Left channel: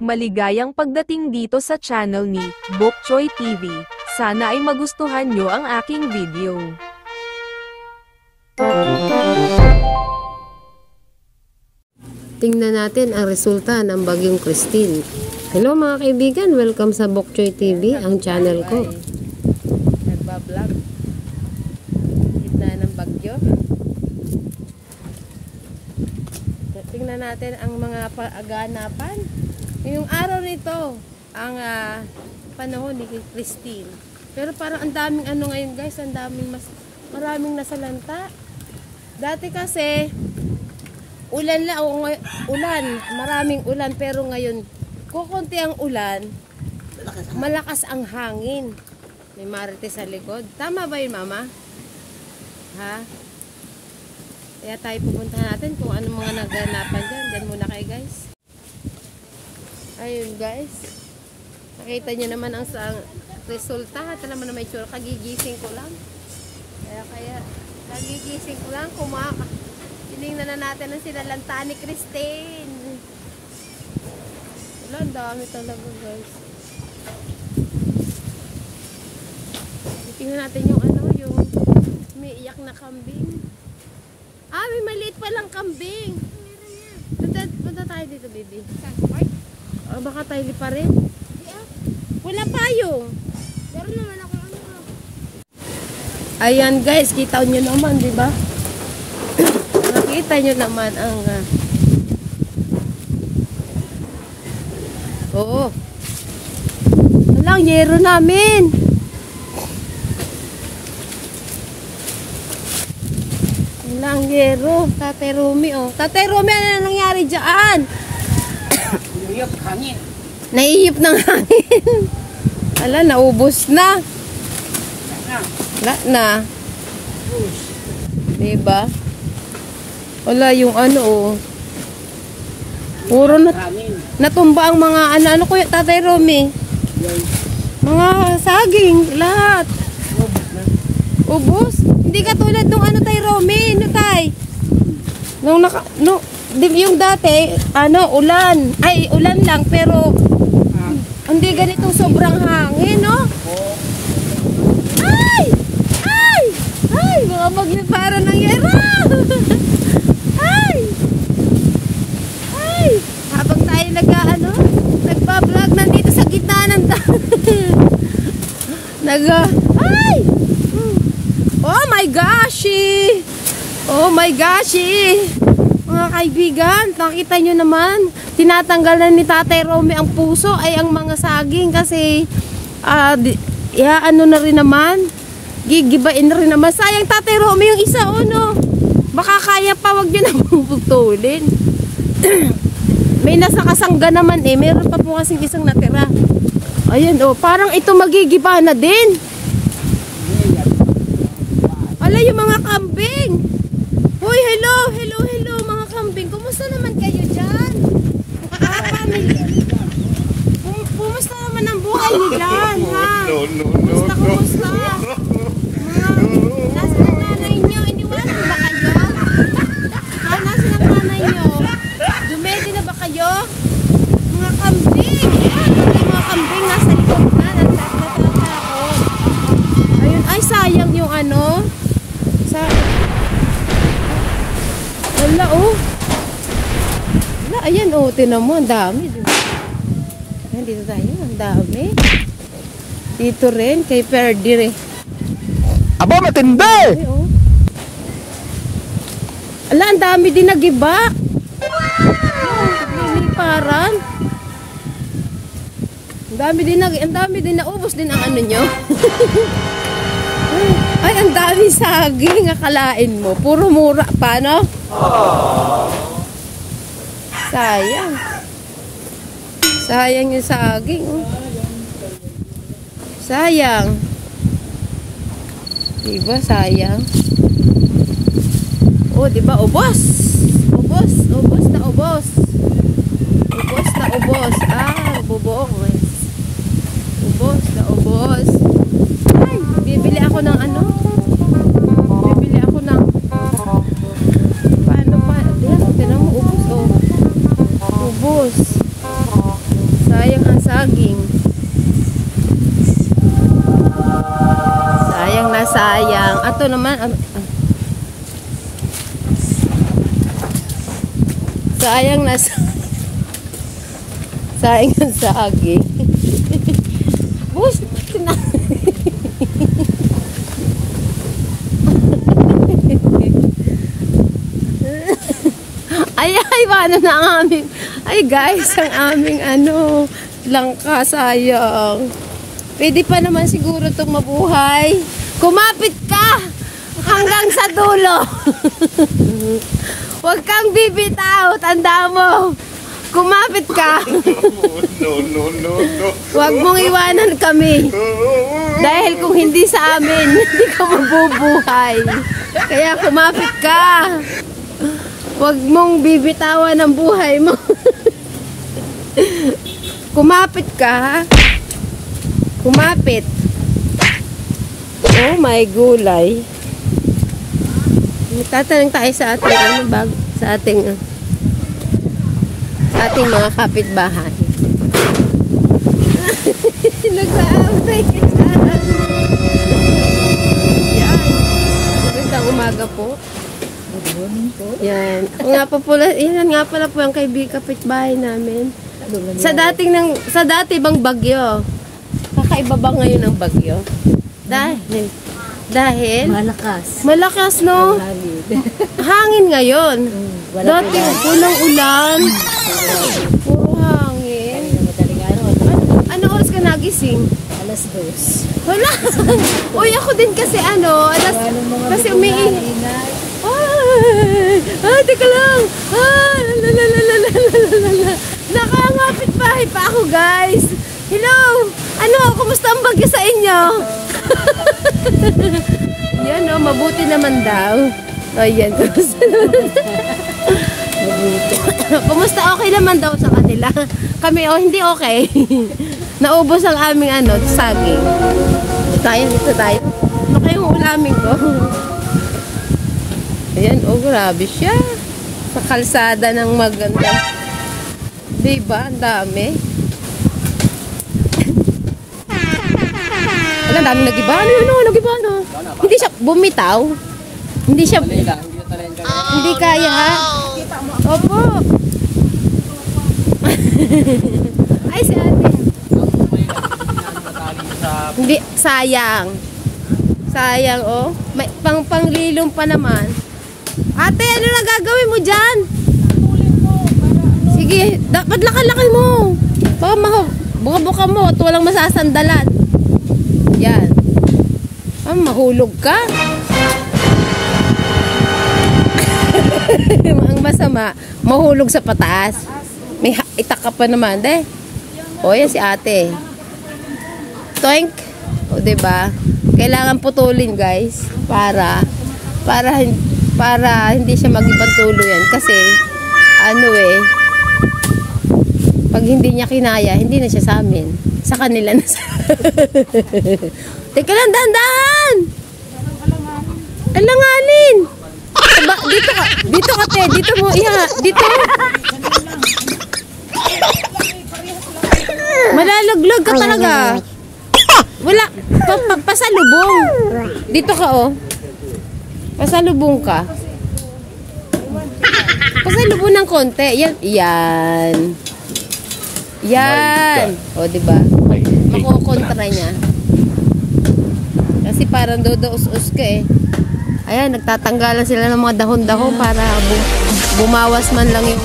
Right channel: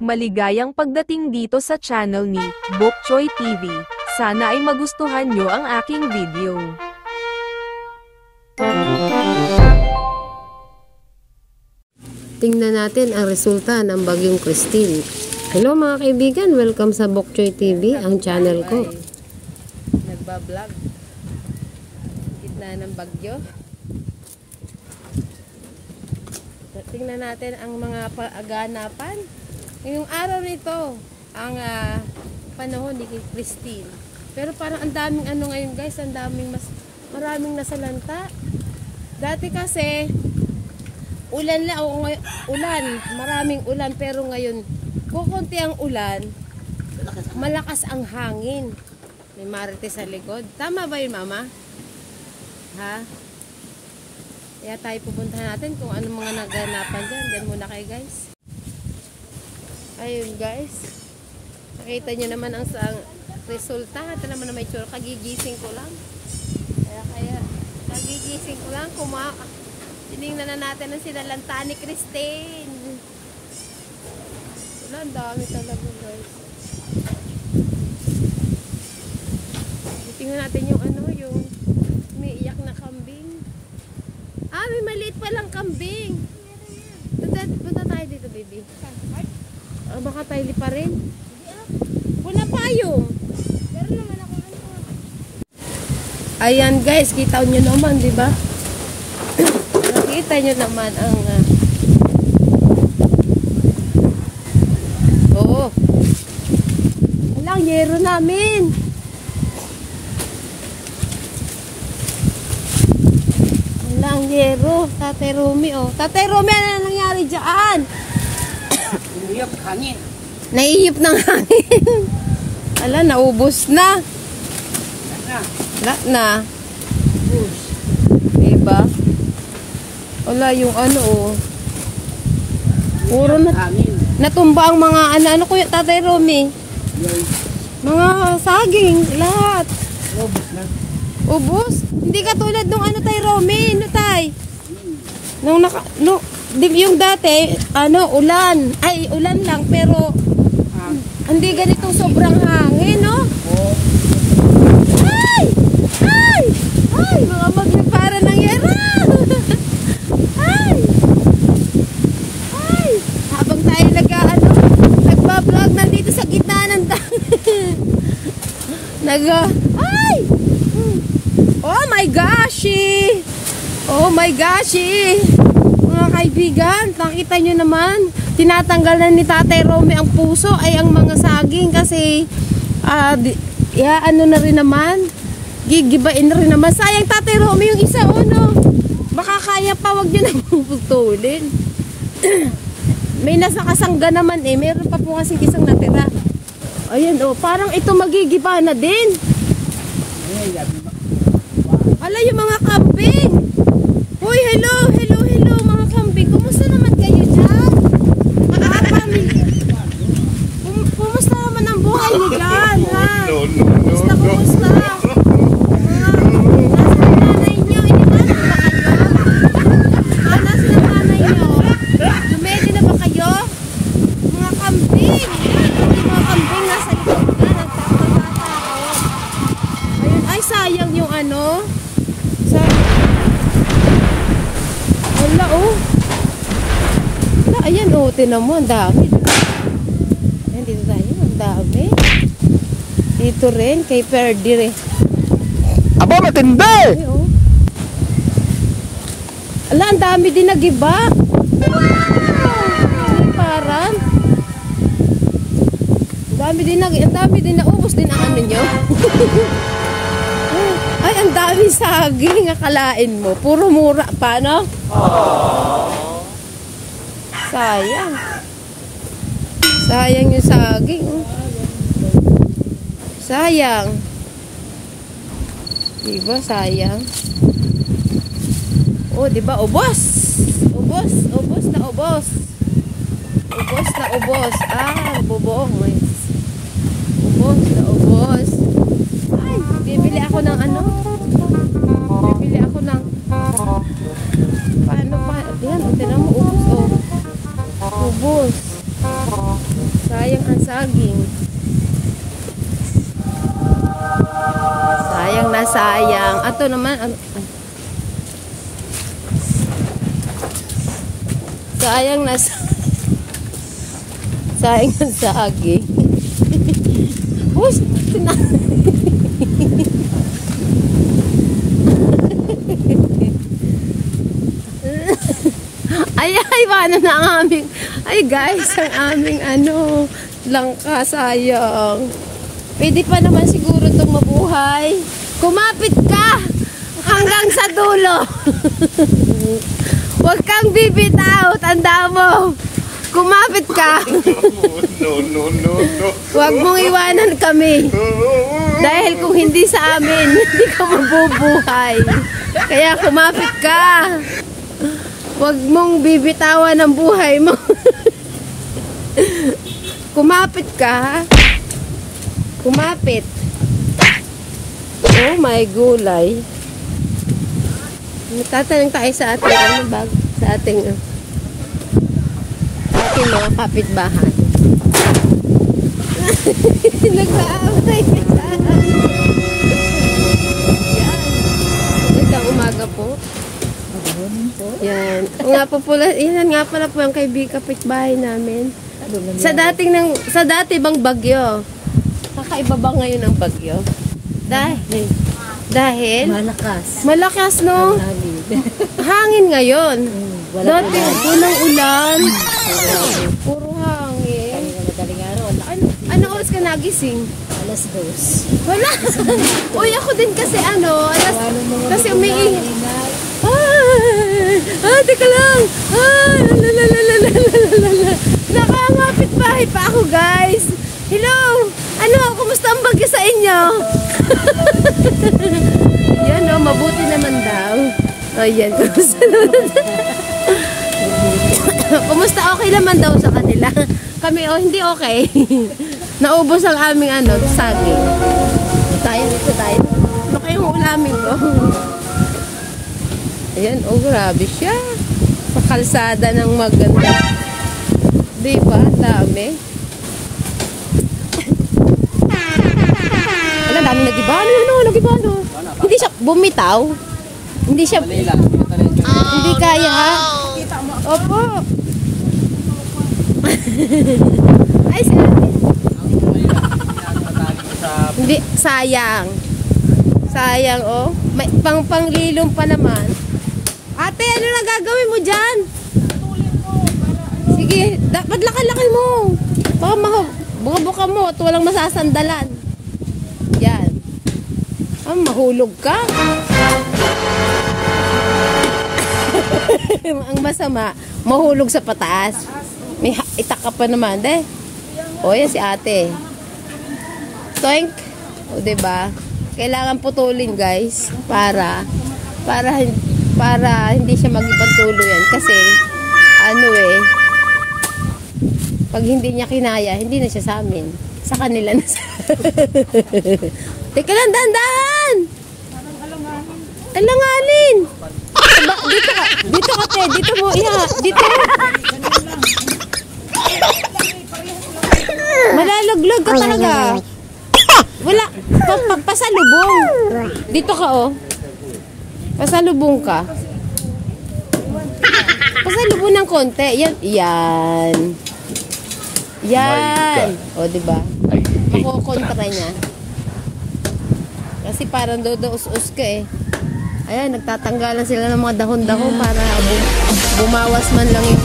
Maligayang pagdating dito sa channel ni Bok Choy TV. Sana ay magustuhan nyo ang aking video. Tingnan natin ang resulta ng bagyong Christine. Hello mga kaibigan, welcome sa Bok Choy TV, ang channel ko. Nagbablog. Gitna ng bagyo. Tingnan natin ang mga pag-aganapan. Ngayong araw nito, ang panahon ni Christine. Pero parang ang daming ano ngayon guys, ang daming maraming nasalanta. Dati kasi, ulan na, maraming ulan, pero ngayon, kukunti ang ulan, malakas ang hangin. May marites sa likod. Tama ba yun, mama? Ha? Kaya tayo pupuntahan natin kung anong mga naganapan dyan. Dyan muna kayo guys. Ayun guys. Nakita nyo naman ang resulta. Ito naman na may tsura. Kagigising ko lang. Kaya kagigising ko lang. Tinignan na natin ang sinalanta ni Christine. Wala, ang dami talaga guys. Tingnan natin yung yung may iyak na kambing. May maliit palang kambing. Punta tayo dito, baby. Baka tayo pa rin. Wala payong. Ayan guys, kita nyo naman, di ba? Nakita nyo naman ang walang yero namin. Walang yero. Tatay Romy, Tatay Romy, ano nangyari dyan? Naihip hangin. Naihip ng hangin. Ala, naubos na. Wala na. Diba? Wala yung puro natumba ang mga ano kuya Tatay Romy? Mga saging, lahat. Ubos? Hindi katulad nung Tay Romy, Tay? Yung dati, ulan. Ay, ulan lang, pero hindi ganitong sobrang hangin, no? Ay! Ay! Ay! Mga maglipara ng yero! Ay! Ay! Habang tayo nagbablog nandito sa gitna ng ay! Oh my gosh! Oh my gosh! Mga kaibigan, nakita nyo naman, tinatanggal na ni Tatay Romy ang puso ay ang mga saging kasi na rin naman, gigibain na rin naman. Sayang Tatay Romy yung isa, baka kaya pa, wag nyo na puputulin. May nasa kasangga naman meron pa po kasing isang natira. Ayun parang ito magigiba na din. Ala, yung mga kambing. Hoy, hello mga kambing. Kumusta naman kayo dyan? Kumusta naman ang buhay ni dyan, ha? Kumusta? Nasa nanay nyo, iniwanan ba kayo? Nasa nanay nyo? Dumedi na ba kayo? Mga kambing. Mga kambing nasa likod na. Natatakot. Ayun, ay sayang yung wala wala, ayan tinan mo, ang dami. Ayan, dito tayo, ang dami. Dito rin, kay Perdi aba, matindi! Ala, ang dami din nagiba. Parang ang dami din naubos din ang nyo. Ay, ang dami saging, akalain mo. Puro mura pa, no? Sayang. Sayang yung saging. Sayang. Diba, sayang. Diba, ubos. Ubos na ubos. Ubos na ubos. Bubuong, guys. Ubos na ubos. Ay, bibili ako ng bibili ako ng paano pa, yan, tinan mo, ubos, ubos. Sayang ang saging. Sayang na sayang. Ato naman, sayang na sayang ang saging. Bus, ay, paano na ang aming, ay guys, ang aming langka, sayang. Pwede pa naman siguro itong mabuhay. Kumapit ka hanggang sa dulo. Huwag kang bibitaw, tanda mo. Kumapit ka. No. Huwag mong iwanan kami. Dahil kung hindi sa amin, hindi ka mabubuhay. Kaya kumapit ka. Huwag mong bibitawan ang buhay mo. Kumapit ka. Kumapit. Oh my gulay. Tatanong tayo sa ating sa ating mga kapitbahay. Nag-aaway ka dyan. Yan. Magandang umaga po. Good morning po. Yan. Yan nga pala po ang kapitbahay namin. Sa dati bang bagyo? Kakaiba ba ngayon ang bagyo? Dahil malakas no? Hangin ngayon. Dati walang ulan. Puro hangin. Ano oras ka nagising? Alas 2. Wala. Uy, ako din kasi kasi umiingay. Teka lang. Nakangapit bahay pa ako, guys. Hello. Kumusta ang bagyo sa inyo? Yan, mabuti naman daw. Ayan, kumusta naman? Kumusta, okay naman daw sa kanila. Kami, hindi okay. Naubos ang aming saging. Ito tayo. Ano kayong ulamin ko? Ayan, grabe siya. Sa kalsada ng maganda. Diba? Dami. Alam, dami nagiba. Nagiba. Hindi siya bumitaw. Hindi siya. Hindi kaya, ha? Opo. Ay, hindi, sayang. Sayang, oh. May panglilong pa naman. Ate, ano na gagawin mo dyan? Sige, dapat laki mo. Baka buka mo at walang masasandalan. Yan. Mahulog ka. Ang masama, mahulog sa pataas. May itak ka pa naman, de. O, yan si ate. Toink. O, diba? Kailangan putulin, guys. Para hindi siya mag-ibang tulo yan. Kasi, pag hindi niya kinaya, hindi na siya sa amin. Sa kanila na sa... Teka lang, dahan-dahan! Alanganin! Dito ka, te. Dito mo, dito. Malalaglag ka talaga. Wala. Pasalubong. Dito ka, oh. Pasalubong ka. Pasalubong ng konti. Yan. O, diba? Makukontra niya. Kasi parang dodo-us-us ka eh. Ayan, nagtatanggalan sila ng mga dahon-dahon para bumawas man lang yung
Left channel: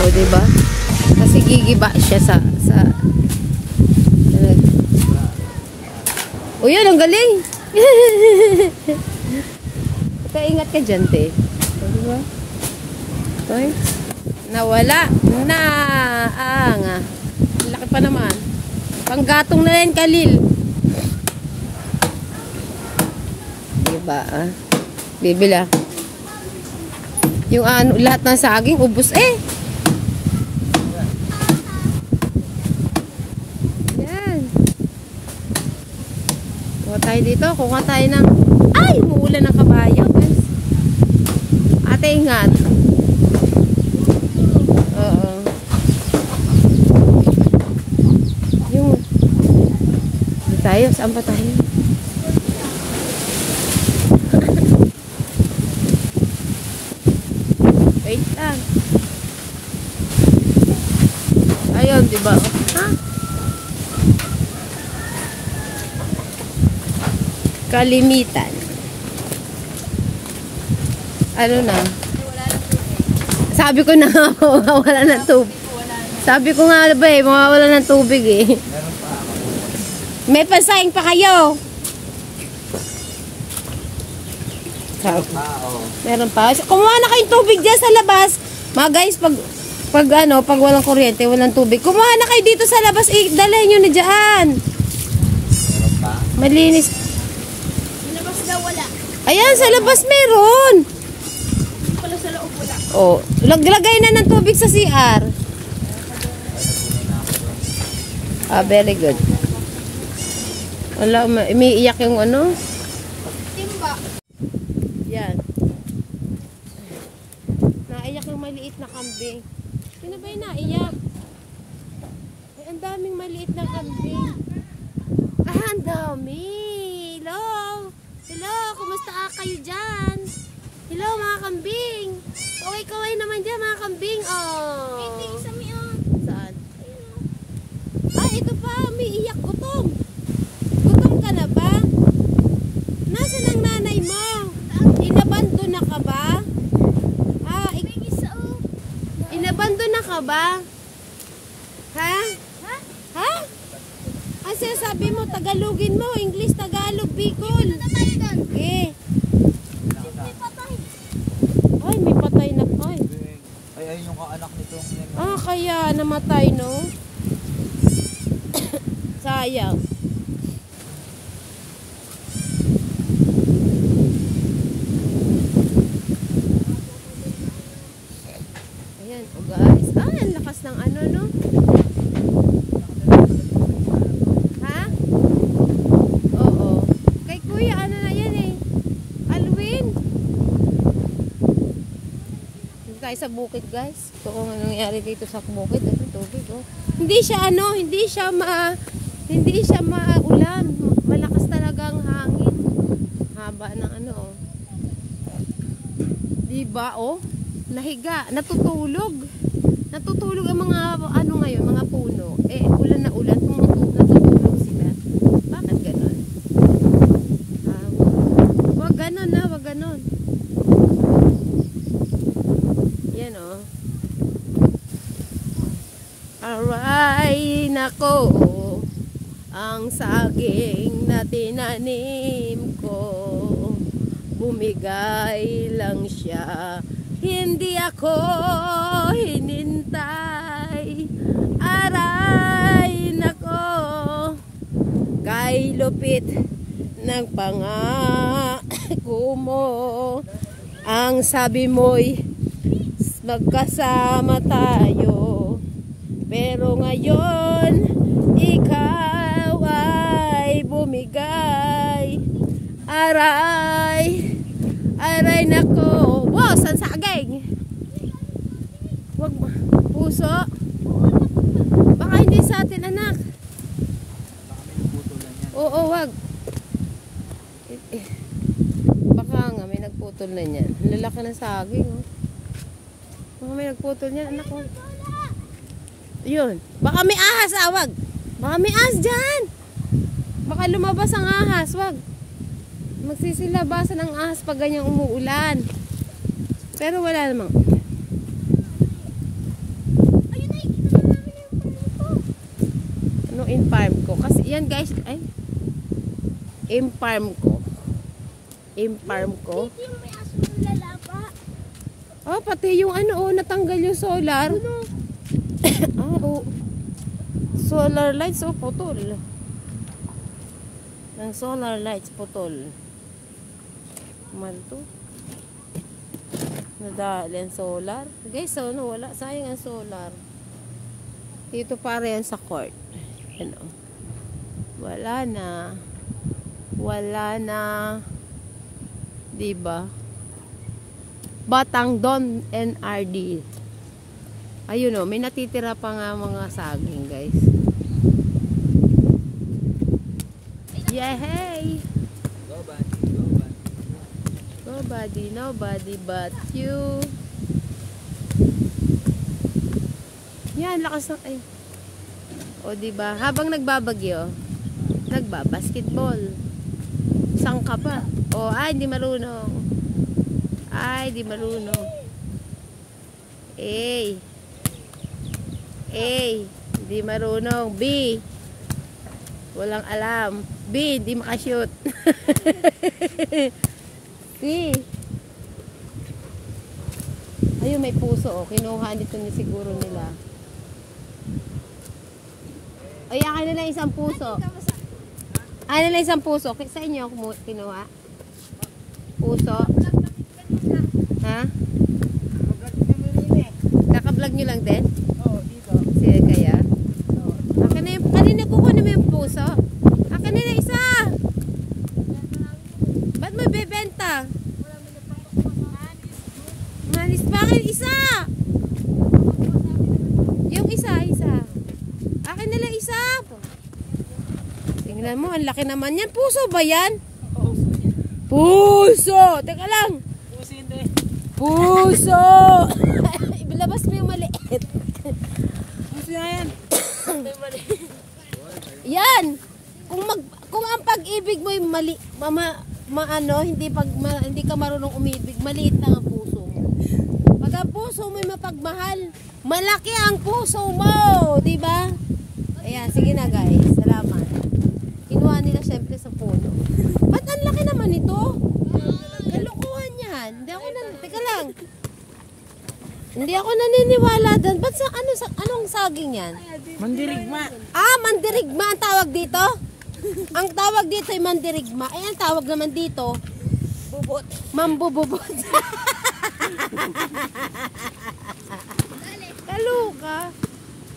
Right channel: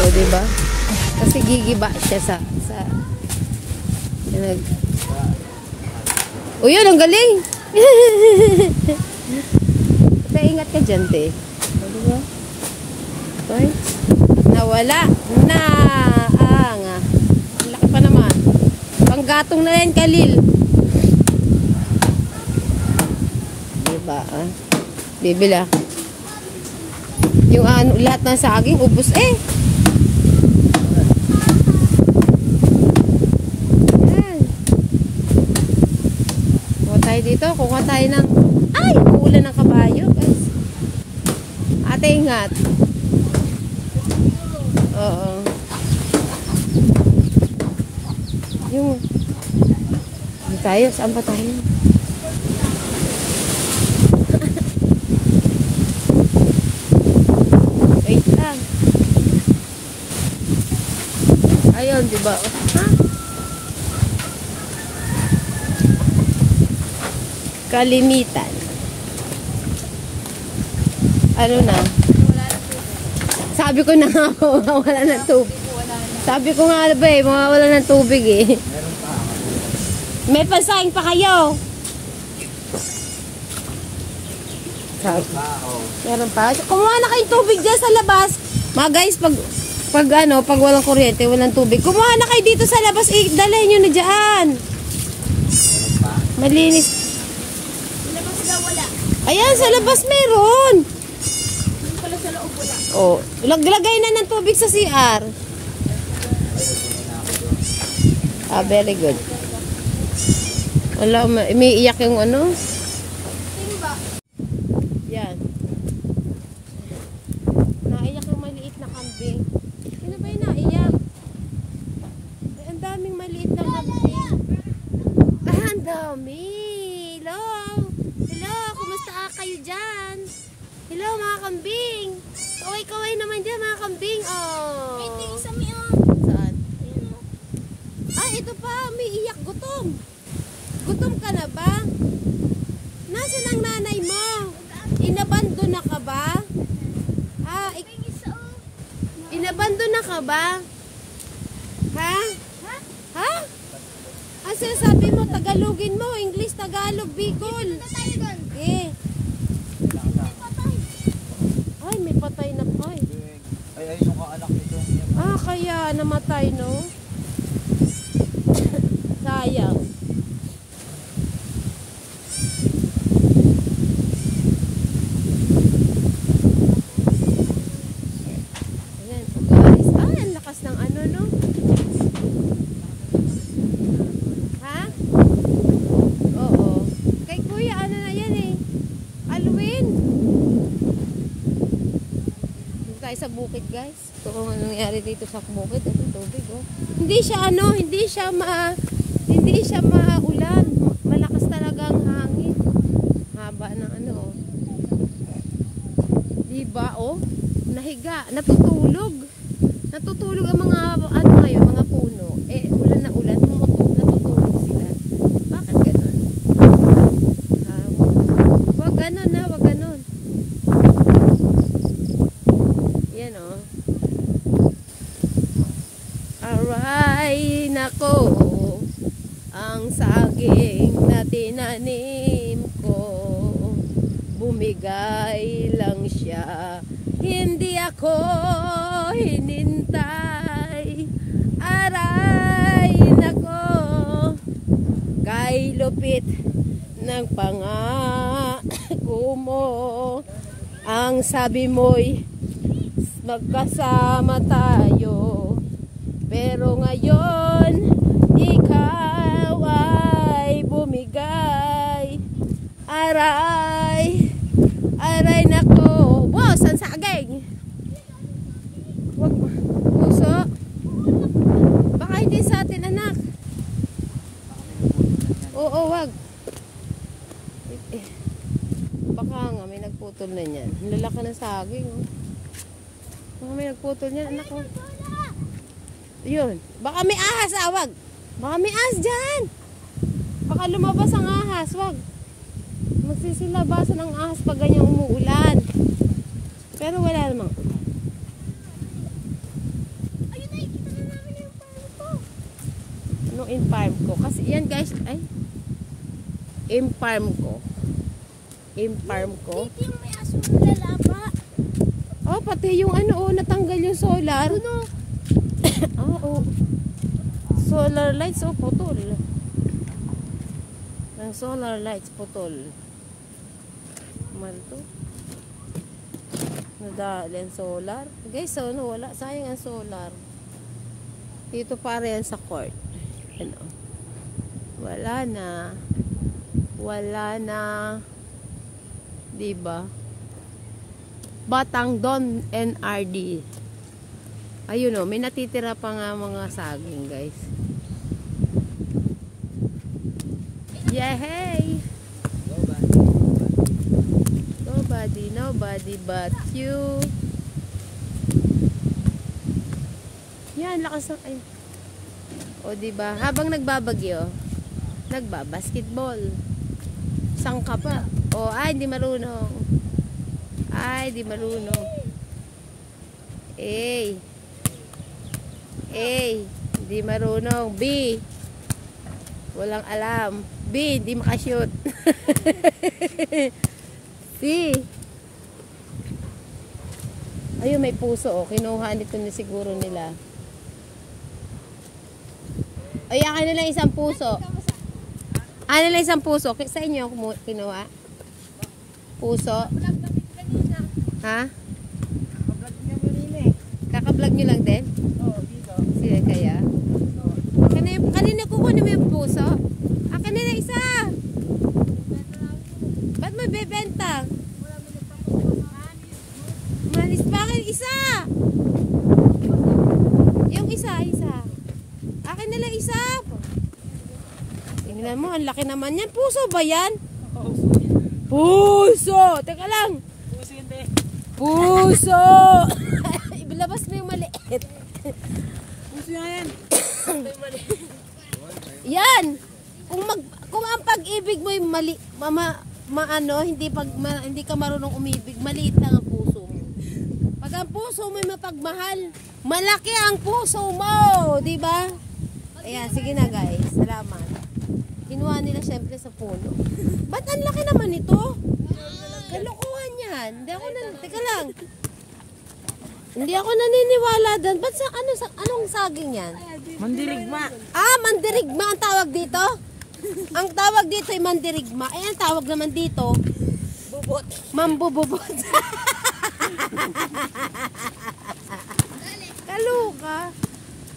o, diba? Kasi gigiba siya sa o, yun, ang galing. Ingat ka dyan, te. O, diba? Nawala na laki pa naman. Panggatong na yan, Kalil. Diba, bibila. Yung lahat ng saging, ubos eh. Yan. Kuha tayo dito, kuha tayo ng... Ay! Uulan ng kabayo, guys. Ate, ingat. tayo? Saan pa tayo? Wait lang. Ayun, diba? Ha? Kalimitan. Ano na? Sabi ko na mawawala ng tubig. Sabi ko nga ba mawawala ng tubig eh. May pansahing pa kayo. Meron pa. Kumuha na kayong tubig dyan sa labas. Mga guys, pag walang kuryente, walang tubig. Kumuha na kayo dito sa labas. Dalhin nyo na dyan. Malinis. Sa labas daw wala. Ayan, sa labas meron. Hindi pala sa loob wala. Oh, lagay na ng tubig sa CR. Very good. Wala, umiiyak yung ano. Timba. Yan. Naiyak yung maliit na kambing. Ano ba yung naiyak? Ay, ang daming maliit na kambing. Ah, ang dami. Hello. Hello, kumusta kayo dyan? Hello, mga kambing. Kaway-kaway naman dyan, mga kambing. Oh. Saan? Ah, ito pa. Umiiyak. Gutom. Gutom ka na ba? Nasaan ang nanay mo? Inabando na ka ba? Ah, inabando na ka ba? Ha? Ha? Ang sinasabi mo, Tagalogin mo. English, Tagalog, Bicol. Eh. Ay, may patay na. Ay, nung kaanak nito. Ah, kaya namatay, no? Sayang. Ayan, oh guys. Ay, ang lakas ng ano, no? Ha? Oo. Kay kuya, ano na yan eh? Alwin. Dito tayo sa bukid, guys. Ito kung ano nangyari dito sa bukid. Ito, tubig, oh. Hindi siya maulan. Malakas talaga ang hangin. Haba ng ano, oh. Diba, oh? Nahiga, natutulog. Natutulog ang mga, ano ngayon, mga puno. Eh, ulan na ulan, natutulog sila. Bakit ganon? Wag ganon na, wag ganon. Yan, oh. Aray, nako. Ang saging na tinanim ko, bumigay lang siya. Hindi ako hinintay. Aray, nako. Kay lupit ng pangako mo, ang sabi mo'y magkasama tayo. Pero ngayon, ikaw ay bumigay. Aray, aray nako. Wow, san saging? Wag puso. Baka hindi sa atin, anak. Oo, wag. Baka nga may nagputol na niyan. Lalaki ng saging, oh. Baka may nagputol niyan, anak, oh. Yun. Baka may ahas, wag. Baka may ahas dyan. Baka lumabas ang ahas, wag. Magsisilabasan ang ahas pag ganyan umuulan. Pero wala namang. Ayun na, kita na namin yung farm ko. Anong in-farm ko? Kasi yan guys, ay. In-farm ko. In-farm ko. Dito yung may aso na lalapa. Oh, pati yung ano, oh, natanggal yung solar. Ano? Oo. Solar lights, oh, putol. Ang solar lights, putol. Malto. Nadali ang solar. Guys, so, no, wala. Sayang ang solar. Dito para yan sa court. Ano? Wala na. Wala na. Diba? Batangdon NRD. Ayun, oh, may natitira pa nga mga saging, guys. Yay! Nobody but you. Yan, lakas ng ay. O diba, habang nagbabagyo, nagbabasketball. Isang ka pa. O ay, hindi marunong. Ay, di marunong. A. Di marunong. B. Walang alam. B. Di makashoot. C. Ayun, may puso. O. Kinuha nito na siguro nila. Ay, akin na lang isang puso. Akin na lang isang puso. Sa inyo ako kinuha. Puso. Ha? Kaka-vlog nyo lang din? Oo, dito. Sige kaya. Kanina kukunin mo yung puso. Akin na lang isa. Ba't mo bebenta? Manis pa akin isa. Yung isa. Akin na lang isa. Tingnan mo, ang laki naman yan. Puso ba yan? Puso! Teka lang. Puso hindi. Puso! Ibilabas mo yung maliit. Puso yan. Yan! Kung ang pag-ibig mo yung hindi ka marunong umibig, maliit lang ang puso mo. Pag ang puso mo yung mapagmahal, malaki ang puso mo, di ba? Ayan, sige na guys. Salamat. Kinuha nila syempre sa puno. Ba't ang laki naman ito? Kalukuhan yan. Teka lang. Hindi ako naniniwala doon. Ba't anong saging yan? Mandirigma. Ah, mandirigma ang tawag dito? Ang tawag dito ay mandirigma. Eh, ang tawag naman dito? Bubot. Mambububot. Kaluka.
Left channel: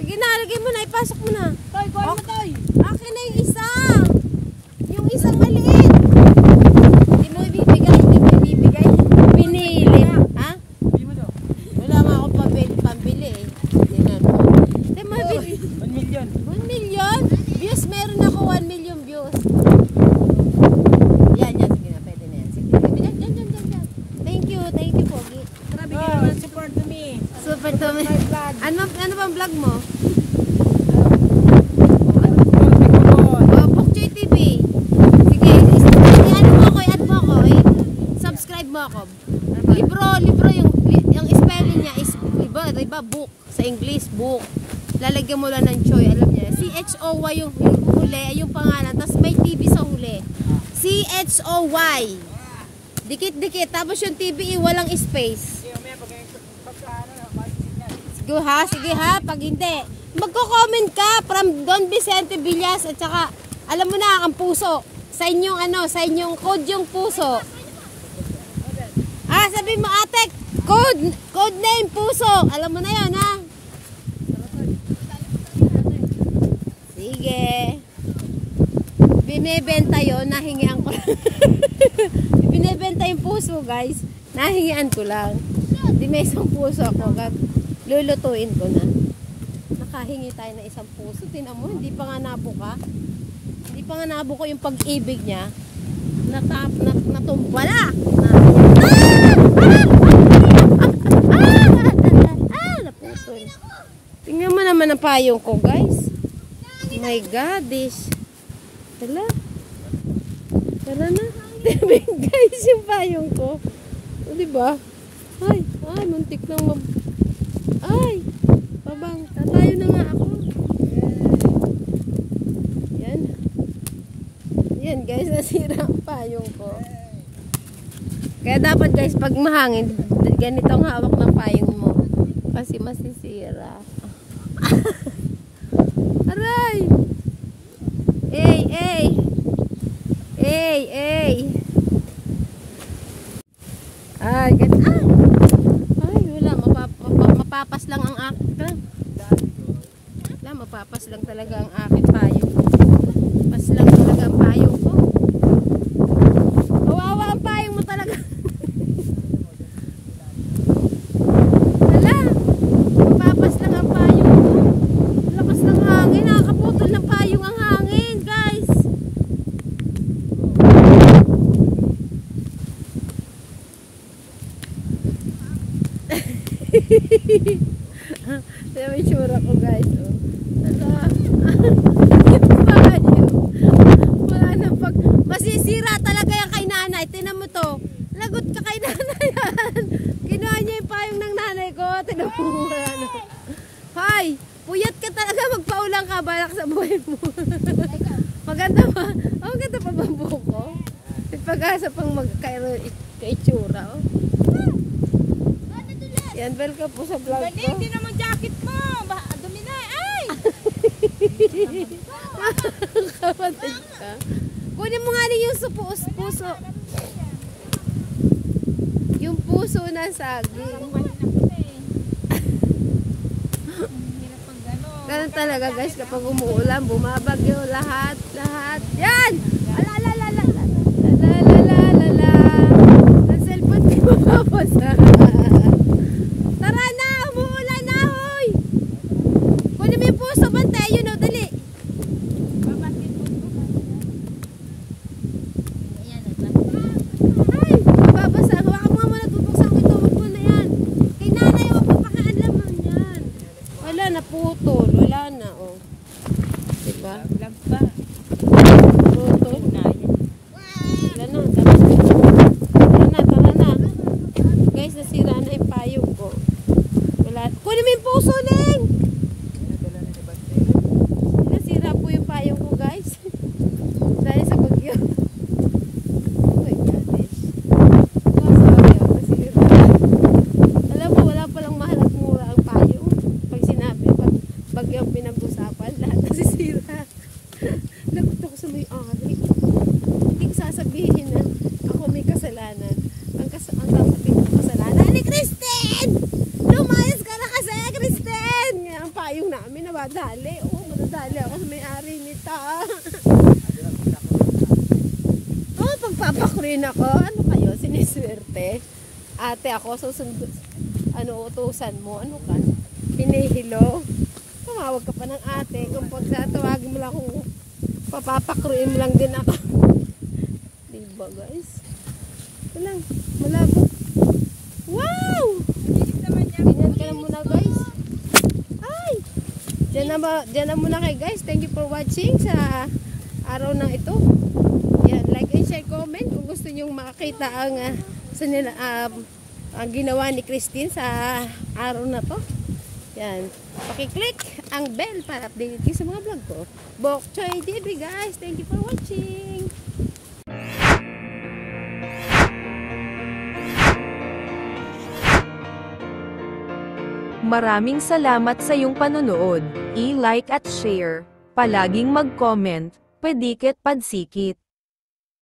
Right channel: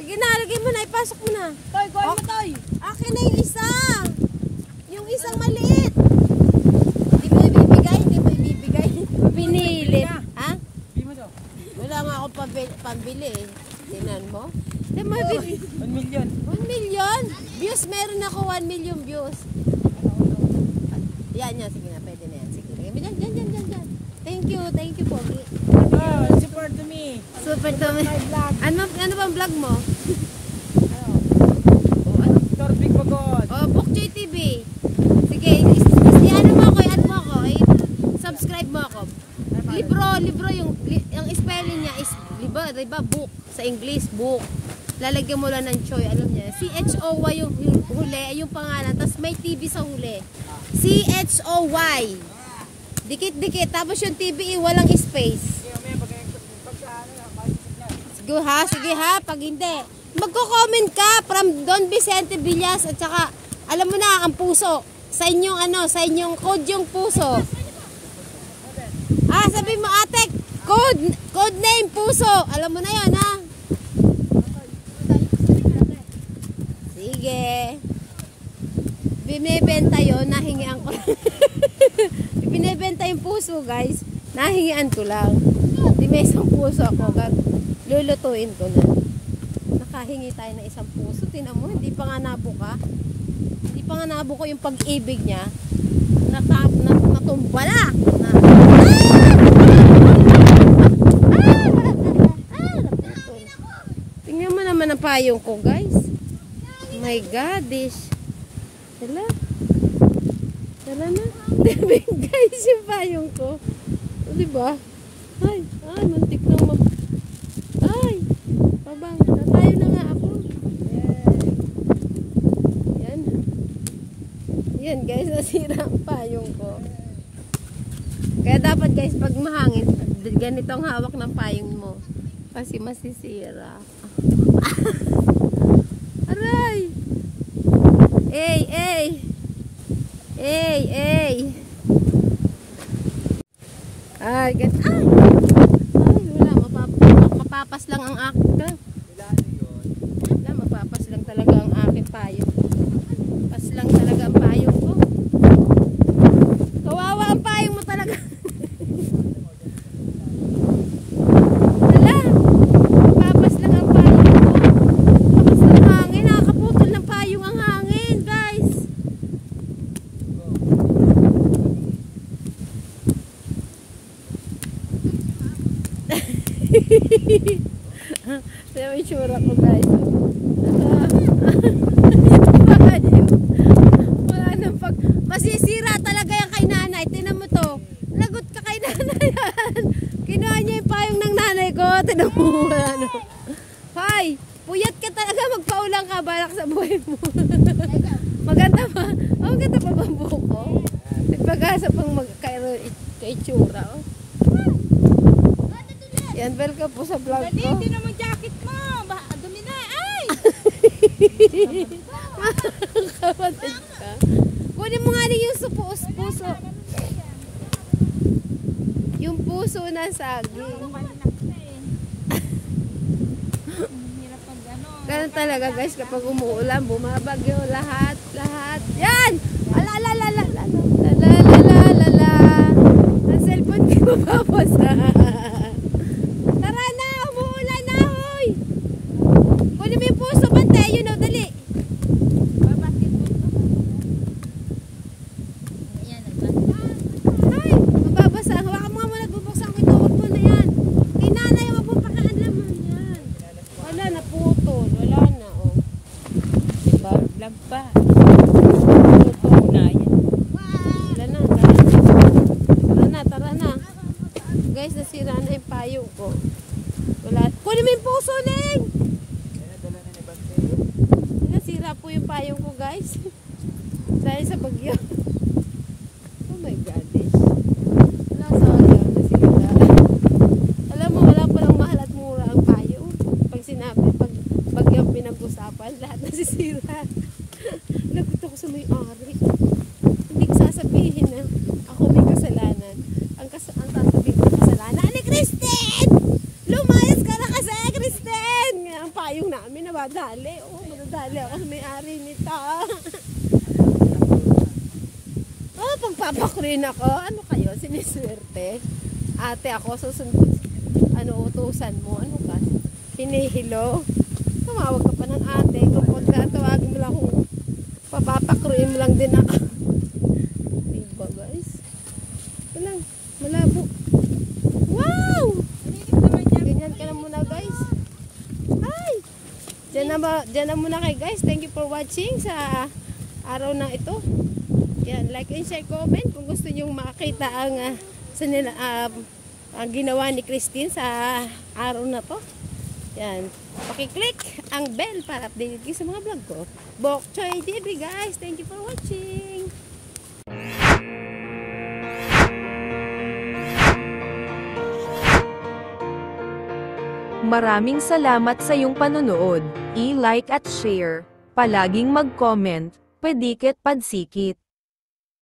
Sige na, lagay mo na. Ipasok mo na. Toy, kuha mo, Toy. Akin na yung isa. Yung isang maliit. Hindi mo ibibigay. Pinili. Ha? Hindi mo daw. Wala nga akong pambili eh. Tingnan mo. Hindi mo ibili. 1 million. 1 million? Views, meron ako 1 million views. Yan. Sige na, pwede na yan. Sige, dyan. Thank you, Pogi. Oh, support to me. Super to me. Ano bang vlog mo? Bokchoy TV. Sige, i-add mo ako. Subscribe mo ako. Libro, yung spelling niya is, diba, book. Sa English, book. Lalagyan mo lang ng choy, alam niya. CHOY yung huli, yung pangalan. Tapos may TV sa huli. CHOY. Dikit-dikit. Tapos yung TV, walang space. Sige, may pagkaano na, makikisignal. Sige ha, pag hindi. Magko-comment ka from Don Vicente Villas at saka, alam mo na, ang puso. Sa inyong code yung puso. Sabi mo ate, code name puso. Alam mo na yon ha. Sige. Binebenta yon, nahingian ko lang. Binebenta yung puso guys. Nahingian ko lang. Di may isang puso ako. Lulutuin ko na. Nakahingi tayo ng isang puso. Tingnan mo, hindi pa nga nabuka. Hindi pa nga nabuko yung pag-ibig niya. Natumbala. Naputol. Tingnan mo naman ang payong ko, guys. My God, Tala. Tara na. Guys, yung payong ko. O, diba? Ay, muntik na ay, pabang. Tatayo na nga ako. Yan guys, nasira ang payong ko. Kaya dapat guys, pag mahangin, ganitong hawak na payong mo. Kasi masisira. Aray! Ay, wala. Mapapas lang ang akin. Mapapas lang talaga ang akin payong. Pas lang talaga ang payong ko. Kawawa ang payong mo talaga. Wala. Mapapas lang ang payong ko. Lakas ng hangin. Nakakaputol ng payong ang hangin, guys. Kaya may tsura ko guys. Oh. Ito tayo. Wala nang pag... Masisira talaga yung kay nanay. Tinan mo to. Lagot ka kay nanay yan. Kinuha niya yung payong ng nanay ko. Tinan mo. Hoy! Puyat ka talaga. Magpaulang ka. Balak sa buhay mo. Maganda ba? Oh, maganda pa ba ang buhok ko? May pag-asa pang magka-itsura. Oh. Yan, welcome po sa vlog ko. Hindi naman jacket mo. Dumi na. Ay! Kapatid ka. Kunin mo nga rin yung puso. Yung puso na saging. Ganun talaga guys, kapag umuulan, bumabagyo, lahat. Yan! Alalalala. Ang cellphone ko babasa. Tara na, umuulan na, hoy! Kunin mo yung puso, bante, yun o, dali. Ay, babasa. Hawakan mo nga muna, bubuksan ko ito. Huwag mo na yan. Kay nanay, huwag mo pakialaman yan. Wala na, putol. Wala na, oh. Diba? Lag pa. Putol. Wala na, tara na. Guys, nasira na yung payong ko. Wala. Kunin mo yung puso, Ling! Nasira po yung payong ko, guys. Dahil sa bagyo. Oh my God, guys. Nasayang, nasira. Alam mo, wala palang mahal at mura ang payong. Pag sinabi, pag bagyong pinag-usapan, lahat nasisira. Lagot ako sa may-ari. Hindi ko sasabihin na ako may kasalanan. Ang sasabihin ko kasalanan ni Christine! Lumayas ka na kasi, Christine! Ang payong namin nabadali. Oo, madadali ako sa may-ari nito. Oh, pagpapakrin ako. Ano kayo? Siniswerte. Ate ako, susunod. Ano, utusan mo? Ano ka? Hinihilo. Tumawag ka pa ng ate. Kung pagtatawagin mo lang akong papapakruin mo lang din ako. Diba guys? Ito lang. Malabo. Wow! Ganyan ka na muna guys. Ay! Diyan na muna kay guys. Thank you for watching sa araw na ito. Yan, like and share, comment kung gusto nyo makakita ang ginawa ni Christine sa araw na to. Yan, pakiclick ang bell para update kayo sa mga vlog ko. Bok Choy TV guys, thank you for watching. Maraming salamat sa iyong panonood. I-like at share. Palaging mag-comment. Pedikit padsikit.